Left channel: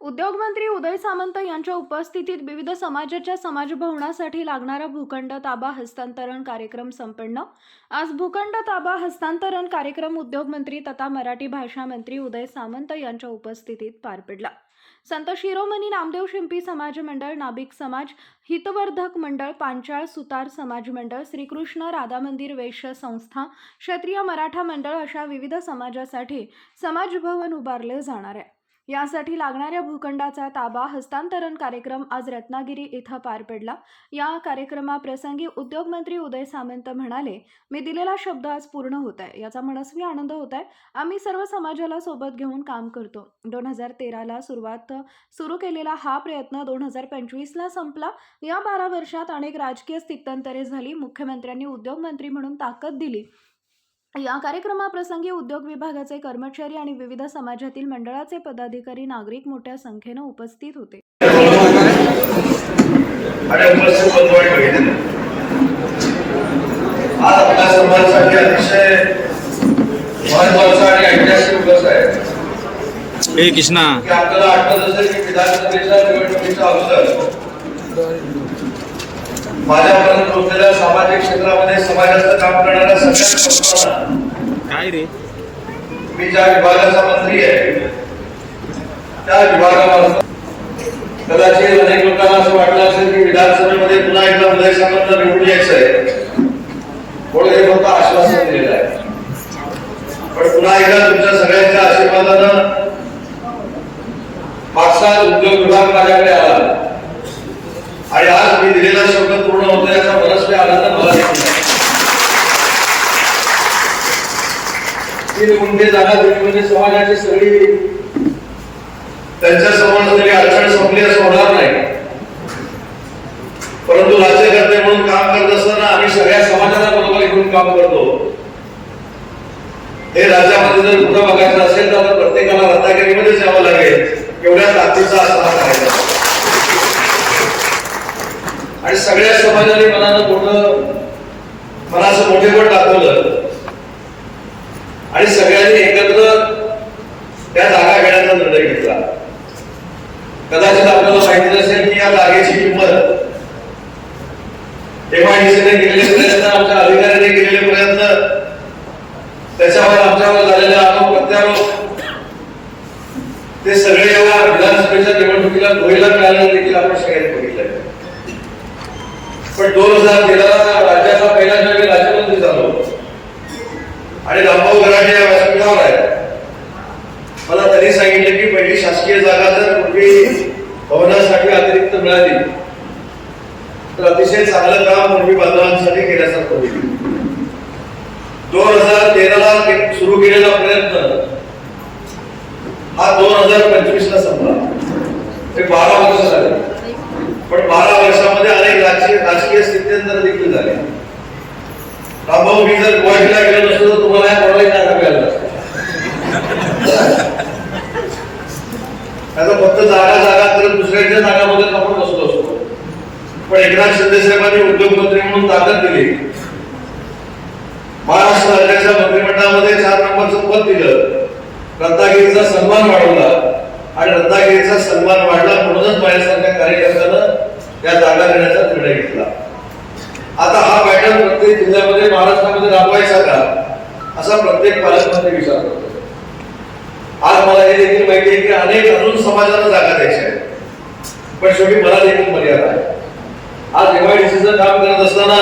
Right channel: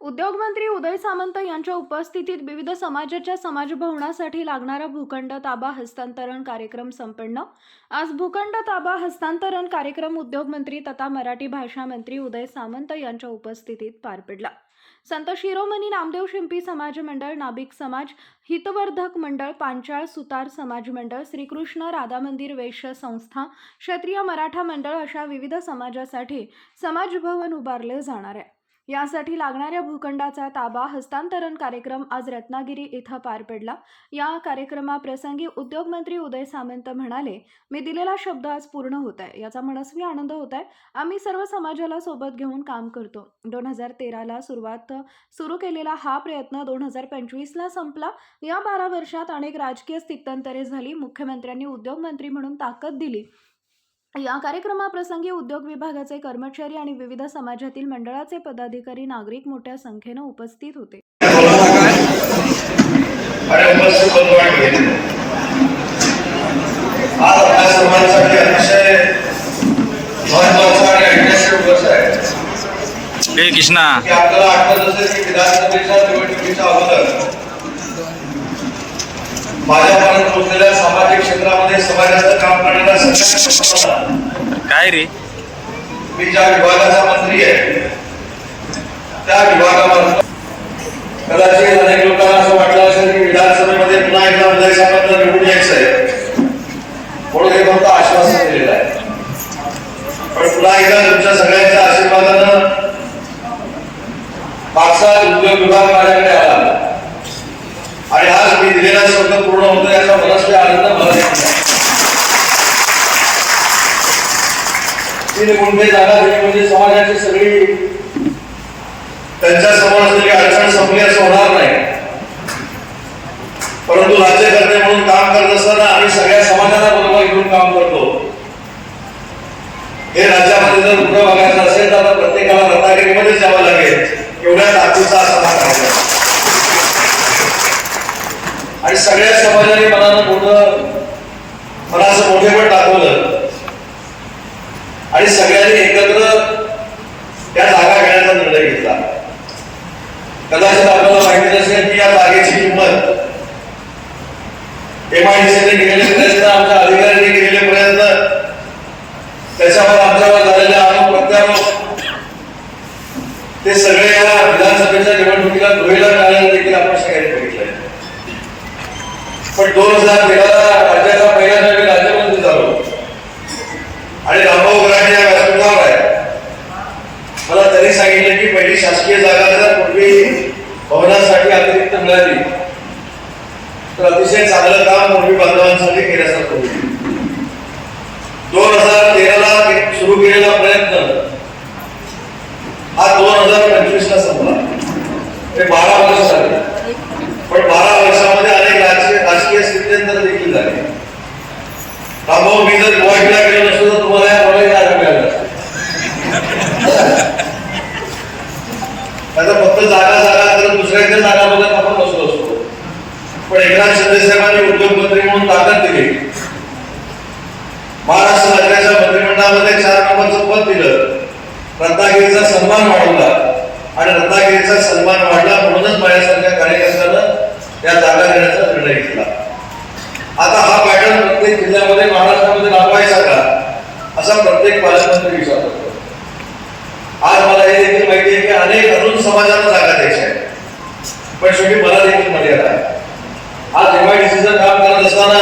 उद्योगमंत्री उदय सामंत यांच्या उपस्थितीत विविध समाजाच्या समाजभवनासाठी लागणारा भूखंड ताबा हस्तांतरण कार्यक्रम संपन्न। आज भूखंड ताबा हस्तांतरण कार्यक्रम उद्योगमंत्री तथा मराठी भाषा मंत्री उदय सामंत यांच्या उपस्थितीत पार पडला। संत शिरोमणी नामदेव शिंपी समाज मंडळ, नाभिक समाज, हितवर्धक मंडळ, पांचाळ सुतार समाज मंडळ, श्रीकृष्ण राधा मंदिर वैश्य संस्था, क्षत्रिय मराठा मंडळ अशा विविध समाजासाठी समाजभवन उभारले जाणार आहे। यासाठी लागणाऱ्या भूखंडाचा ताबा हस्तांतरण कार्यक्रम आज रत्नागिरी इथं पार पडला। या कार्यक्रमाप्रसंगी उद्योगमंत्री उदय सामंत म्हणाले, मी दिलेला शब्द आज पूर्ण होत आहे, याचा मनस्वी आनंद होत आहे। आम्ही सर्व समाजाला सोबत घेऊन काम करतो। 2013ला सुरू केलेला हा प्रयत्न 2025ला संपला। या 12 वर्षात अनेक राजकीय स्थित्यंतरे झाली। मुख्यमंत्र्यांनी उद्योगमंत्री म्हणून ताकद दिली। या कार्यक्रमाप्रसंगी उद्योग विभागाचे कर्मचारी आणि विविध समाजातील मंडळाचे पदाधिकारी, नागरिक मोठ्या संख्येने उपस्थित होते। कृष्णा माझ्यापर्यंत पोहोचलेल्या सामाजिक क्षेत्रामध्ये समाजाचं काम करणारा सगळ्यांना काय रे, मी ज्या विभागाचा मंत्री आहे त्या विभागावर कदाचित अनेक लोकांना असं वाटलं असेल की विधानसभेमध्ये पुन्हा एकदा उदय सामंतला निवडून यायचं आहे म्हणून हे फक्त आश्वासन दिलेलं आहे। पण पुन्हा एकदा तुमच्या सगळ्यांच्या आशीर्वादानं पाचसा उद्योग विभाग माझ्याकडे आला आणि आज मी दिलेला शब्द पूर्ण होतो याचा मनस्वी आनंद मला येत नाही। 3 गुंठे जागा भेटली म्हणजे समाजाची सगळी त्यांच्या समोर असलेली अडचण संपली असं होणार नाही। परंतु राज्यकर्ते म्हणून काम करत असताना आम्ही सगळ्या समाजाला बरोबर घेऊन काम करतो। हे राज्यामध्ये जर कुठं बघायचं असेल तर प्रत्येकाला रत्नागिरीमध्ये जावं लागेल, एवढ्या ताकदीचा असा हा कायदा आणि सगळ्या समाजाने मनाचं मोठेपण दाखवलं आणि सगळ्यांनी एकत्र त्या जागा घेण्याचा निर्णय घेतला। कदाचित आपल्याला माहिती असेल की या जागेची किंमत MIDCने केलेले प्रयत्न, आमच्या अधिकाऱ्यांनी केलेले प्रयत्न, त्याच्यावर आमच्यावर झालेल्या आरोप प्रत्यारोप ते सगळे या विधानसभेच्या निवडणुकीला धुळीला मिळाल्याने देखील आपण सगळ्यांनी बघितलं। पण 2013ला राज्याचा पहिल्यांदा मी राज्यमंत्री झालो आणि रामभाऊ गराडे या व्यासपीठावर आहे। मला त्यांनी सांगितलं की पहिली शासकीय जागा जर पूर्वी भवनासाठी अतिरिक्त मिळाली तर अतिशय चांगलं काम पूर्वी बांधवांसाठी केल्यासारखं होईल। 2013ला सुरू केलेला प्रयत्न हा 2025ला संपला। ते 12 वर्ष झाले, पण 12 वर्षामध्ये अनेक राजकीय स्थित्यंतर देखील झाले। रामभाऊ, मी जर गोव्याला गेलो नसतो तर तुम्हाला या प्रॉब्लेम नाही मिळाला आता फक्त जागा तर दुसऱ्या इथे जागा बघत आपण बसलो असतो। पण एकनाथ शिंदे साहेबांनी उद्योगमंत्री म्हणून ताकद दिली। महाराष्ट्र राज्याच्या मंत्रिमंडळामध्ये 4 नंबरचं पद दिलं, रत्नागिरीचा सन्मान वाढवला आणि रत्नागिरीचा सन्मान वाढला म्हणूनच माझ्यासारख्या कार्यकर्त्यानं या जागा देण्याचा निर्णय घेतला। आता हा पॅटर्न प्रत्येक जिल्ह्यामध्ये महाराष्ट्रामध्ये राबवायचा का असा प्रत्येक पालकमंत्री विचार करतो। आज मला हे देखील माहिती आहे की अनेक अजून समाजाला जागा द्यायच्या आहेत, पण शेवटी मला देखील मर्यादा आहे। आज MIDCचं काम करत असताना